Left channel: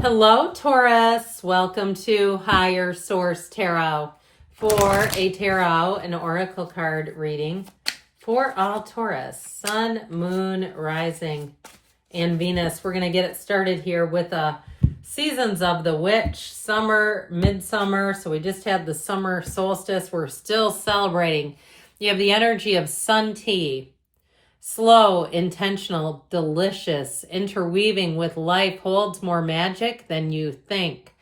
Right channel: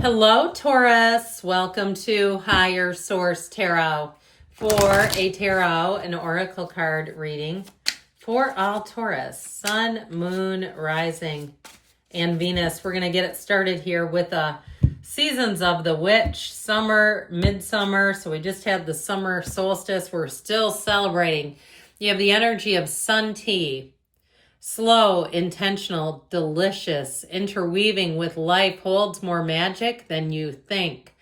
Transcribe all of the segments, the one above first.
Hello, Taurus. Welcome to Higher Source Tarot for a tarot and oracle card reading for all Taurus, Sun, Moon, Rising, and Venus. We're going to get it started here with seasons of the witch, summer, midsummer. So we just had the summer solstice. We're still celebrating. You have the energy of sun tea. Slow, intentional, delicious, interweaving with life holds more magic than you think.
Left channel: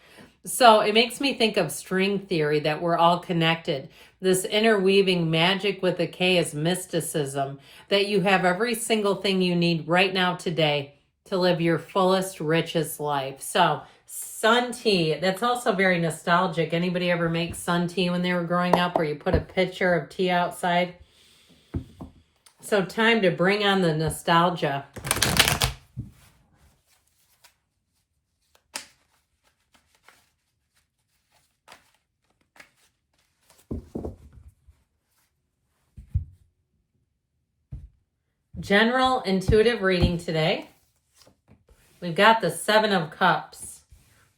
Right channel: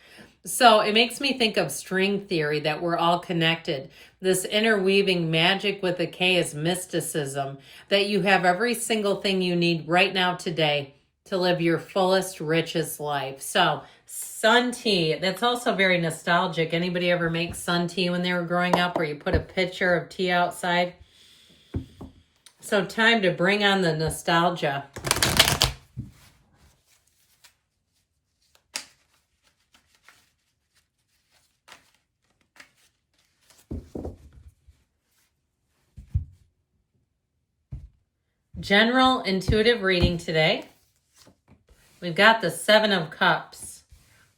So it makes me think of string theory, that we're all connected. This interweaving magic with a K is mysticism, that you have every single thing you need right now today to live your fullest, richest life. So sun tea, that's also very nostalgic. Anybody ever make sun tea when they were growing up, where you put a pitcher of tea outside? So time to bring on the nostalgia. General intuitive reading today. We've got the 7 of Cups,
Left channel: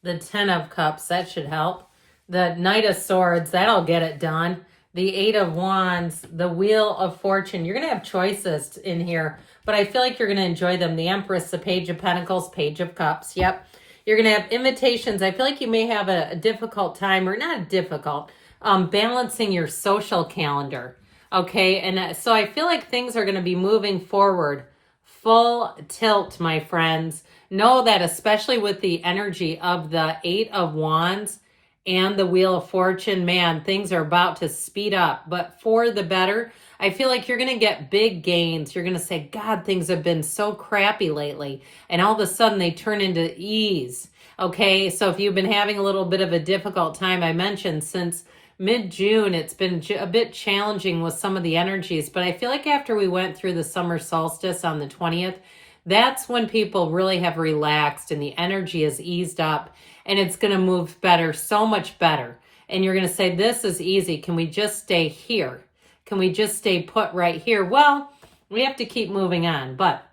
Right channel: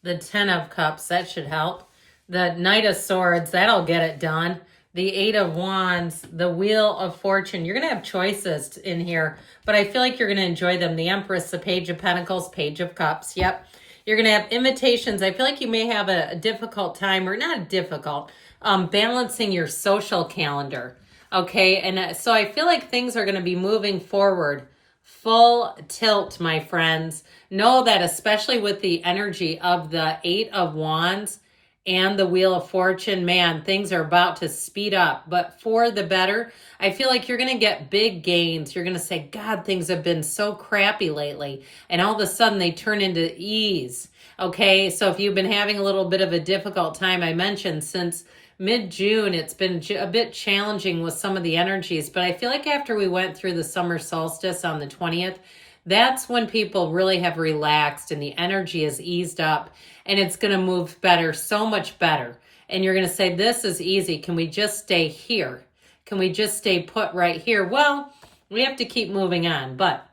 the 10 of Cups, that should help. The Knight of Swords, that'll get it done. The 8 of Wands, the Wheel of Fortune. You're going to have choices in here, but I feel like you're going to enjoy them. The Empress, the Page of Pentacles, Page of Cups. Yep. You're going to have invitations. I feel like you may have a difficult time, or not difficult, balancing your social calendar. Okay. And so I feel like things are going to be moving forward. Full tilt, my friends. Know that, especially with the energy of the 8 of Wands, and the Wheel of Fortune, man, things are about to speed up, but for the better. I feel like you're going to get big gains. You're going to say, God, things have been so crappy lately. And all of a sudden they turn into ease. Okay, so if you've been having a little bit of a difficult time, I mentioned since mid-June, it's been a bit challenging with some of the energies. But I feel like after we went through the summer solstice on the 20th, that's when people really have relaxed and the energy has eased up, and it's going to move better, so much better. And you're going to say, this is easy. Can we just stay here? Can we just stay put right here? Well, we have to keep moving on, but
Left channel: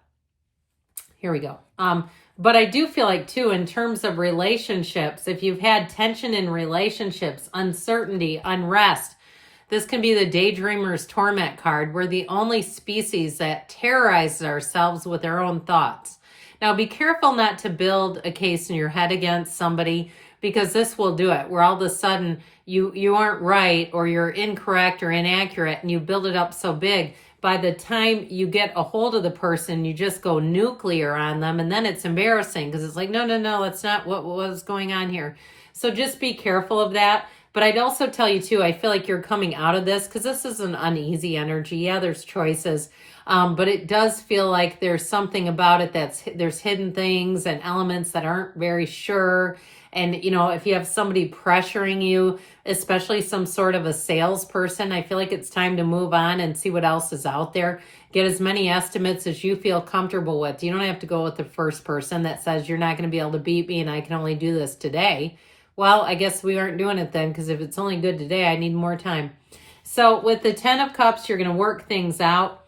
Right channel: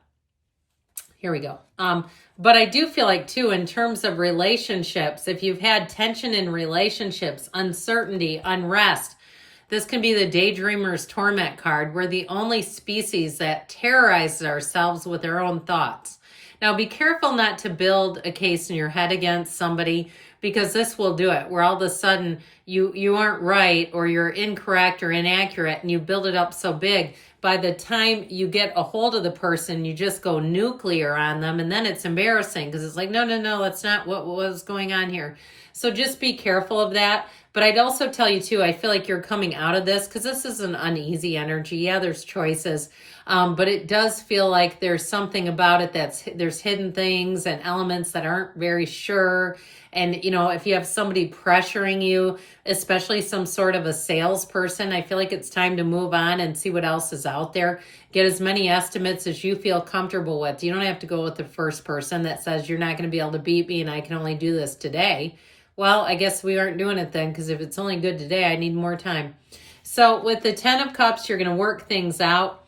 here we go. But I do feel like too, in terms of relationships, if you've had tension in relationships, uncertainty, unrest, this can be the Daydreamer's Torment card. We're the only species that terrorizes ourselves with our own thoughts. Now, be careful not to build a case in your head against somebody, because this will do it, where all of a sudden you aren't right, or you're incorrect or inaccurate, and you build it up so big. By the time you get a hold of the person, you just go nuclear on them, and then it's embarrassing, because it's like, no, that's not what was going on here. So just be careful of that. But I'd also tell you too, I feel like you're coming out of this, because this is an uneasy energy. Yeah, there's choices, but it does feel like there's something about it there's hidden things and elements that aren't very sure. And, you know, if you have somebody pressuring you, especially some sort of a salesperson, I feel like it's time to move on and see what else is out there. Get as many estimates as you feel comfortable with. You don't have to go with the first person that says you're not going to be able to beat me and I can only do this today. Well, I guess we aren't doing it then, because if it's only good today, I need more time. So with the 10 of Cups, you're going to work things out.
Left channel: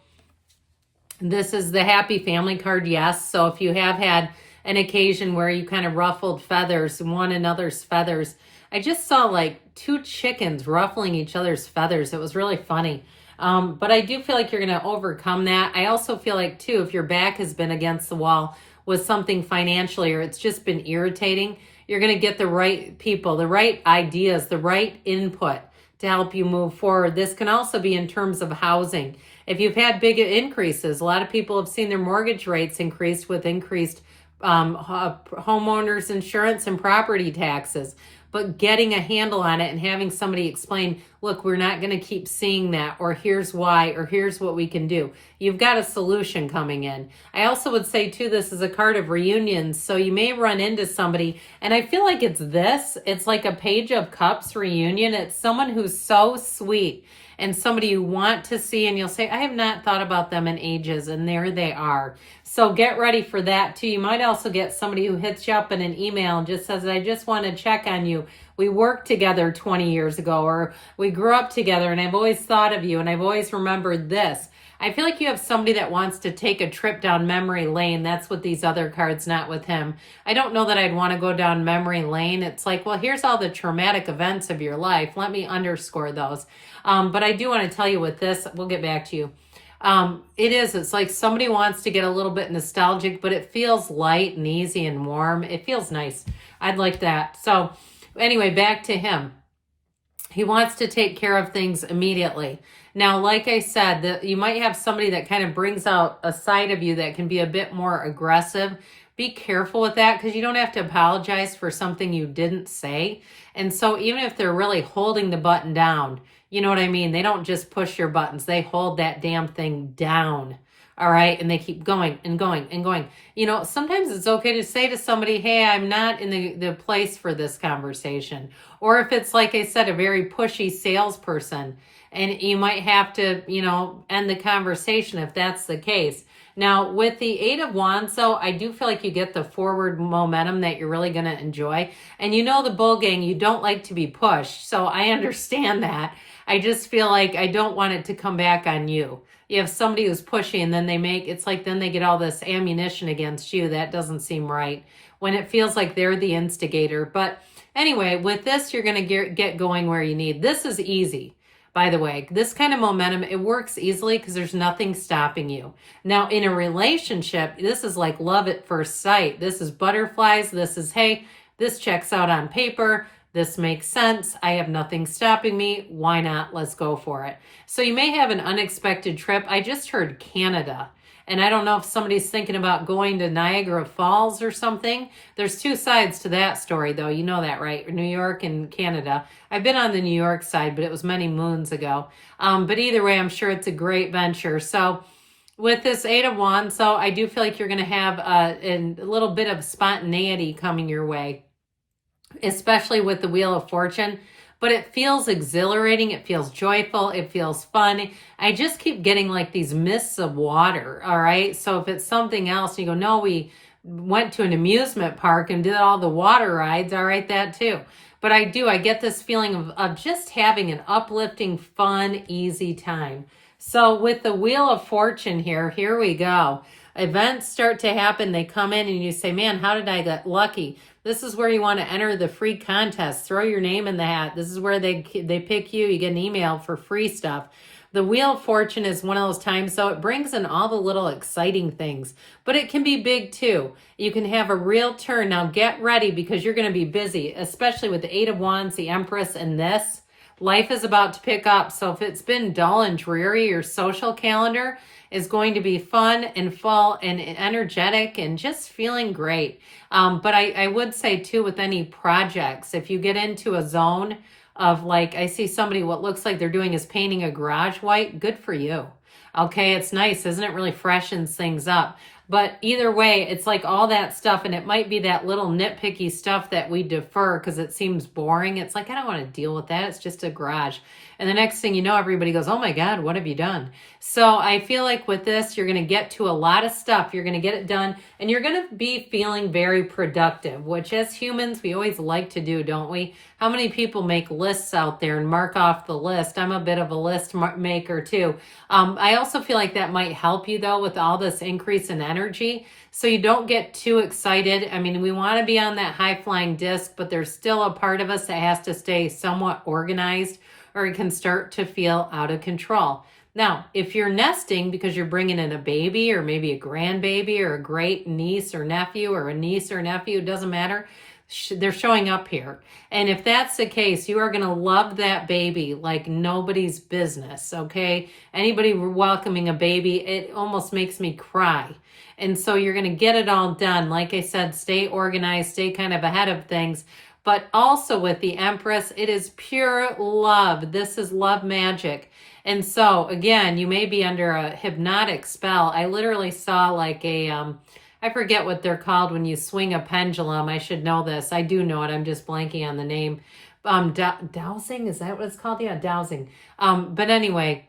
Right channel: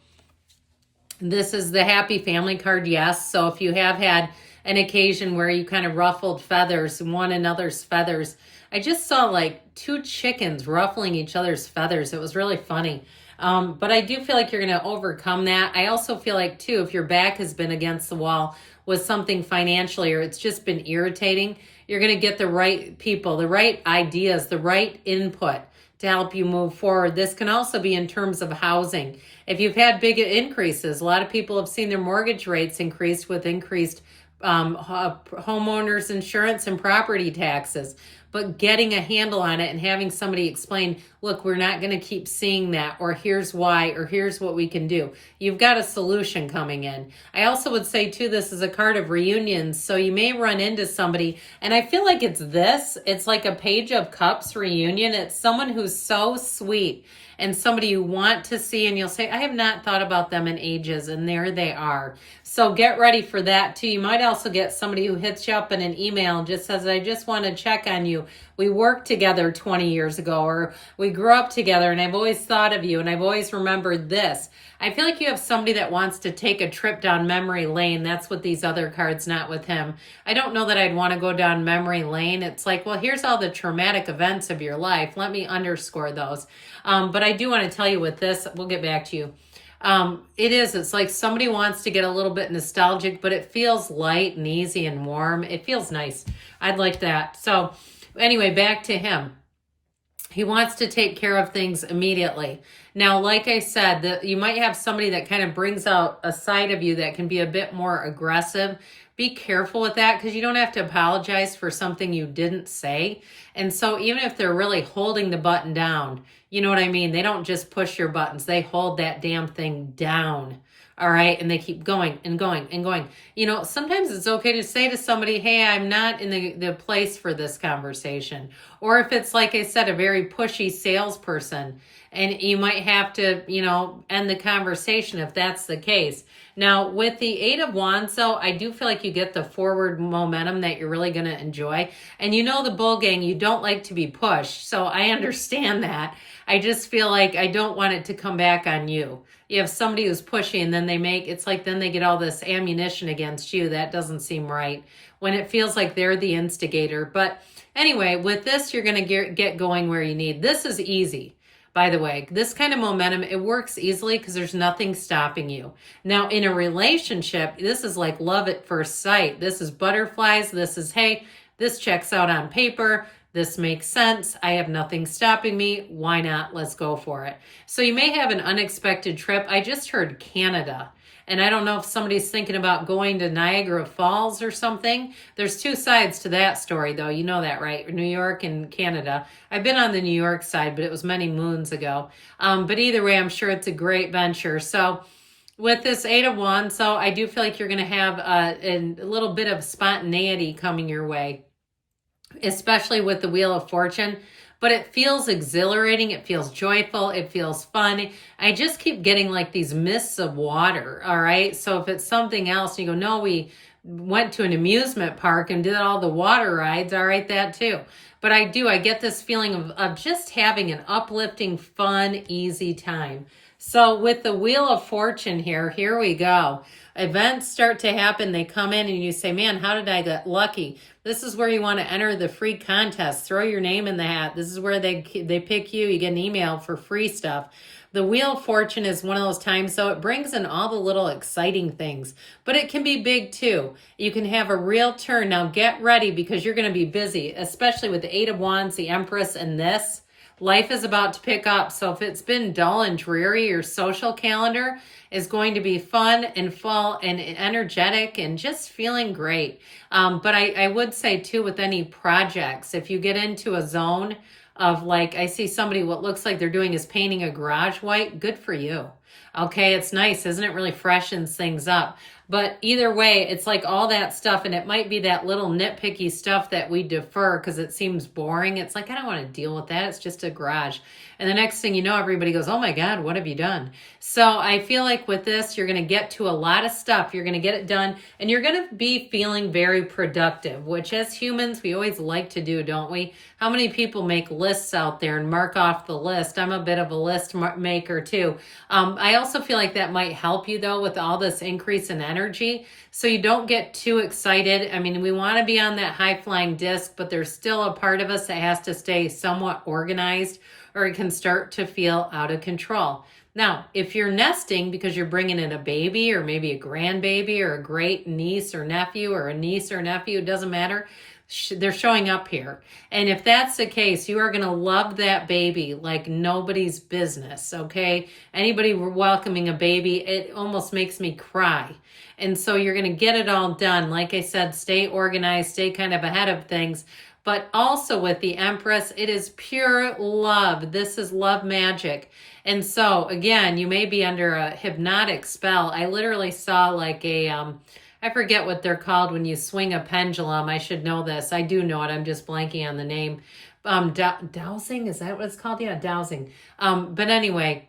This is the happy family card, yes. So if you have had an occasion where you kind of ruffled feathers, one another's feathers, I just saw like 2 chickens ruffling each other's feathers. It was really funny. But I do feel like you're going to overcome that. I also feel like too, if your back has been against the wall with something financially, or it's just been irritating, you're going to get the right people, the right ideas, the right input to help you move forward. This can also be in terms of housing. If you've had big increases, a lot of people have seen their mortgage rates increased with increased homeowners insurance and property taxes. But getting a handle on it and having somebody explain, look, we're not going to keep seeing that, or here's why, or here's what we can do. You've got a solution coming in. I also would say too, this is a card of reunions. So you may run into somebody, and I feel like it's like a Page of Cups reunion. It's someone who's so sweet and somebody you want to see, and you'll say, I have not thought about them in ages, and there they are. So get ready for that too. You might also get somebody who hits you up in an email and just says, I just want to check on you. We worked together 20 years ago, or we grew up together and I've always thought of you and I've always remembered this. I feel like you have somebody that wants to take a trip down memory lane. That's what these other cards, not with him. I don't know that I'd want to go down memory lane. It's like, well, here's all the traumatic events of your life. Let me underscore those. But I do want to tell you with this, we'll get back to you. It's like somebody wants to get a little bit nostalgic, but it feels light and easy and warm. It feels nice. I'd like that. So anyway, back to him. He wants to take care of things immediately. Now, like I said, you might have somebody that kind of brings out a side of you that can be a bit more aggressive. Be careful with that, because you don't have to apologize for something you didn't say. And so even if they're really holding the button down, you know what I mean? They don't just push your buttons. They hold that damn thing down. All right. And they keep going and going and going. You know, sometimes it's okay to say to somebody, hey, I'm not in the place for this conversation. Or if it's, like I said, a very pushy salesperson, and you might have to, you know, end the conversation if that's the case. Now, with the Eight of Wands, so I do feel like you get the forward momentum that you're really going to enjoy. And you know, the Bull Gang, you don't like to be pushed. So I understand that. I just feel like I don't want it to come back on you. You have somebody who's pushy, and then it's like then they get all this ammunition against you. That doesn't seem right when it feels like they're the instigator. But anyway, with this, you're going to get going where you need. This is easy. By the way, this kind of momentum, it works easily because there's nothing stopping you. Now, in a relationship, this is like love at first sight. This is butterflies. This is, hey, this checks out on paper. This makes sense. I have nothing stopping me. Why not? Let's go for it. So you may have an unexpected trip. I just heard Canada. And I don't know if somebody's thinking about going to Niagara Falls or something. There's two sides to that story, though. You know that, right? New York and Canada. I've been on the New York side, but it was many moons ago. But either way, I'm sure it's a great venture. So with this Eight of Wands, so I do feel like you're going to have a little bit of spontaneity coming your way, especially with the Wheel of Fortune. But it feels exhilarating. It feels joyful. It feels fun. I just keep getting like these mists of water. All right. So if it's something else, you go, no, we went to an amusement park and did all the water rides. All right. That too. But I get this feeling of just having an uplifting, fun, easy time. So with the Wheel of Fortune here we go. Events start to happen. They come in and you say, man, how did I get lucky? This is where you want to enter the free contest. Throw your name in the hat. This is where they pick you. You get an email for free stuff. The Wheel of Fortune is one of those times, so it brings in all the little exciting things. But it can be big too. You can have a real turn. Now get ready, because you're going to be busy, especially with the Eight of Wands, the Empress, and this. Life is about to pick up. So if it's been dull and dreary, your social calendar is going to be fun and full and energetic and just feeling great. But I would say too, with any projects, if you get into a zone of like, I see somebody, what looks like they're doing is painting a garage white, good for you. Okay, it's nice, isn't it? Really freshens things up. But either way, it's like all that stuff, and it might be that little nitpicky stuff that we defer because it seems boring. It's like, I don't want to deal with that. It's just a garage. And the next thing you know, everybody goes, oh my God, what have you done? So I feel like with this, you're going to get to a lot of stuff. You're going to get it done, and you're going to be feeling very productive, which as humans, we always like to do, don't we? How many people make lists out there and mark off the list? I'm a bit of a list maker too. I also feel like that might help you though with all this increase in energy. So you don't get too excited. I mean, we want to be on that high flying disc, but there's still a part of us that has to stay somewhat organized, or it can start to feel out of control. Now, if you're nesting because you're bringing in a baby or maybe a grandbaby or a great niece or nephew or a niece or nephew, it doesn't matter. They're showing up here. And if that's the case, you are going to love that baby like nobody's business, okay? Anybody welcoming a baby, it almost makes me cry. And so you're going to get it all done. Like I said, stay organized, stay kind of ahead of things. But also with the Empress, it is pure love. This is love magic. And so, again, you may be under a hypnotic spell. I literally saw like I forget what they're called when you swing a pendulum. I should know this. I do know it. I'm just blanking on the name. Dowsing, is that what it's called? Yeah, dowsing. But anyway,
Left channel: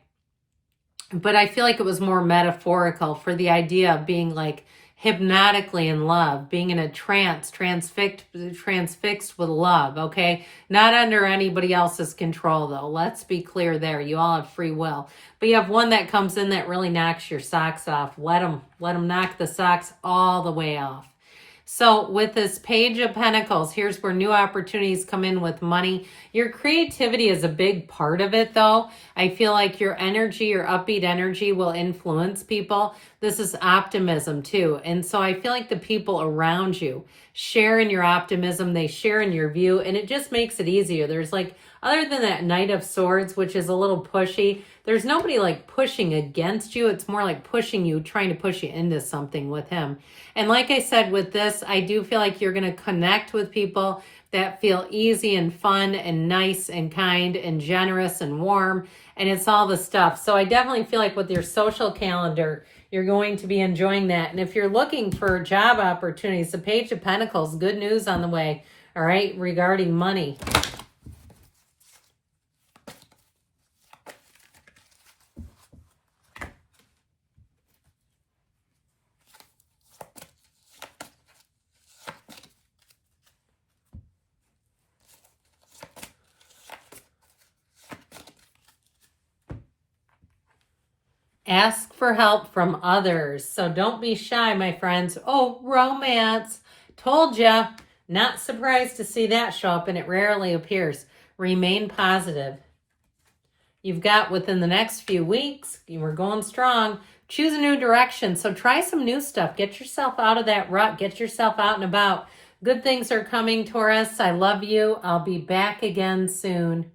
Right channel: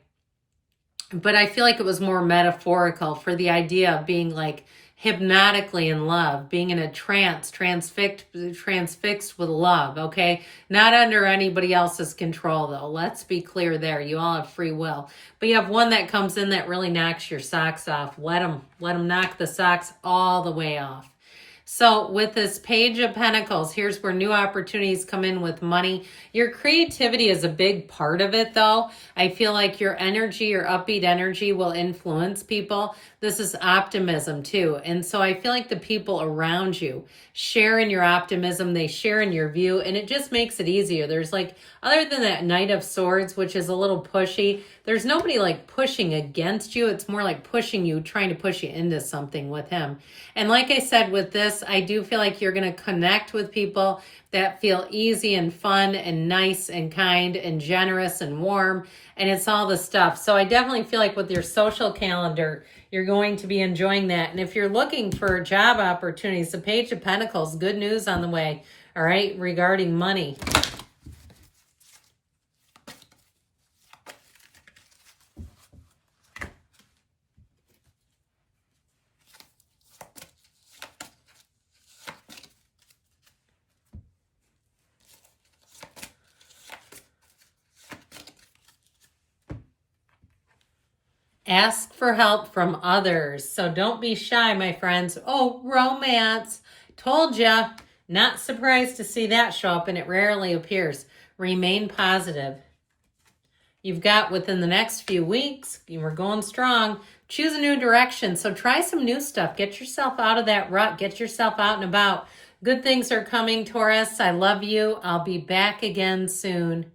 but I feel like it was more metaphorical for the idea of being like hypnotically in love, being in a trance, transfixed with love, okay? Not under anybody else's control, though. Let's be clear there. You all have free will. But you have one that comes in that really knocks your socks off. Let them knock the socks all the way off. So with this Page of Pentacles, here's where new opportunities come in with money. Your creativity is a big part of it, though. I feel like your energy, your upbeat energy will influence people. This is optimism, too. And so I feel like the people around you share in your optimism. They share in your view, and it just makes it easier. There's like, other than that Knight of Swords, which is a little pushy, there's nobody like pushing against you. It's more like pushing you, trying to push you into something with him. And like I said, with this, I do feel like you're going to connect with people that feel easy and fun and nice and kind and generous and warm. And it's all the stuff. So I definitely feel like with your social calendar, you're going to be enjoying that. And if you're looking for job opportunities, the Page of Pentacles, good news on the way, all right, regarding money. Ask for help from others. So don't be shy, my friends. Oh, romance. Told ya. Not surprised to see that show up, and it rarely appears. Remain positive. You've got within the next few weeks, you were going strong. Choose a new direction. So try some new stuff. Get yourself out of that rut. Get yourself out and about. Good things are coming, Taurus. I love you. I'll be back again soon.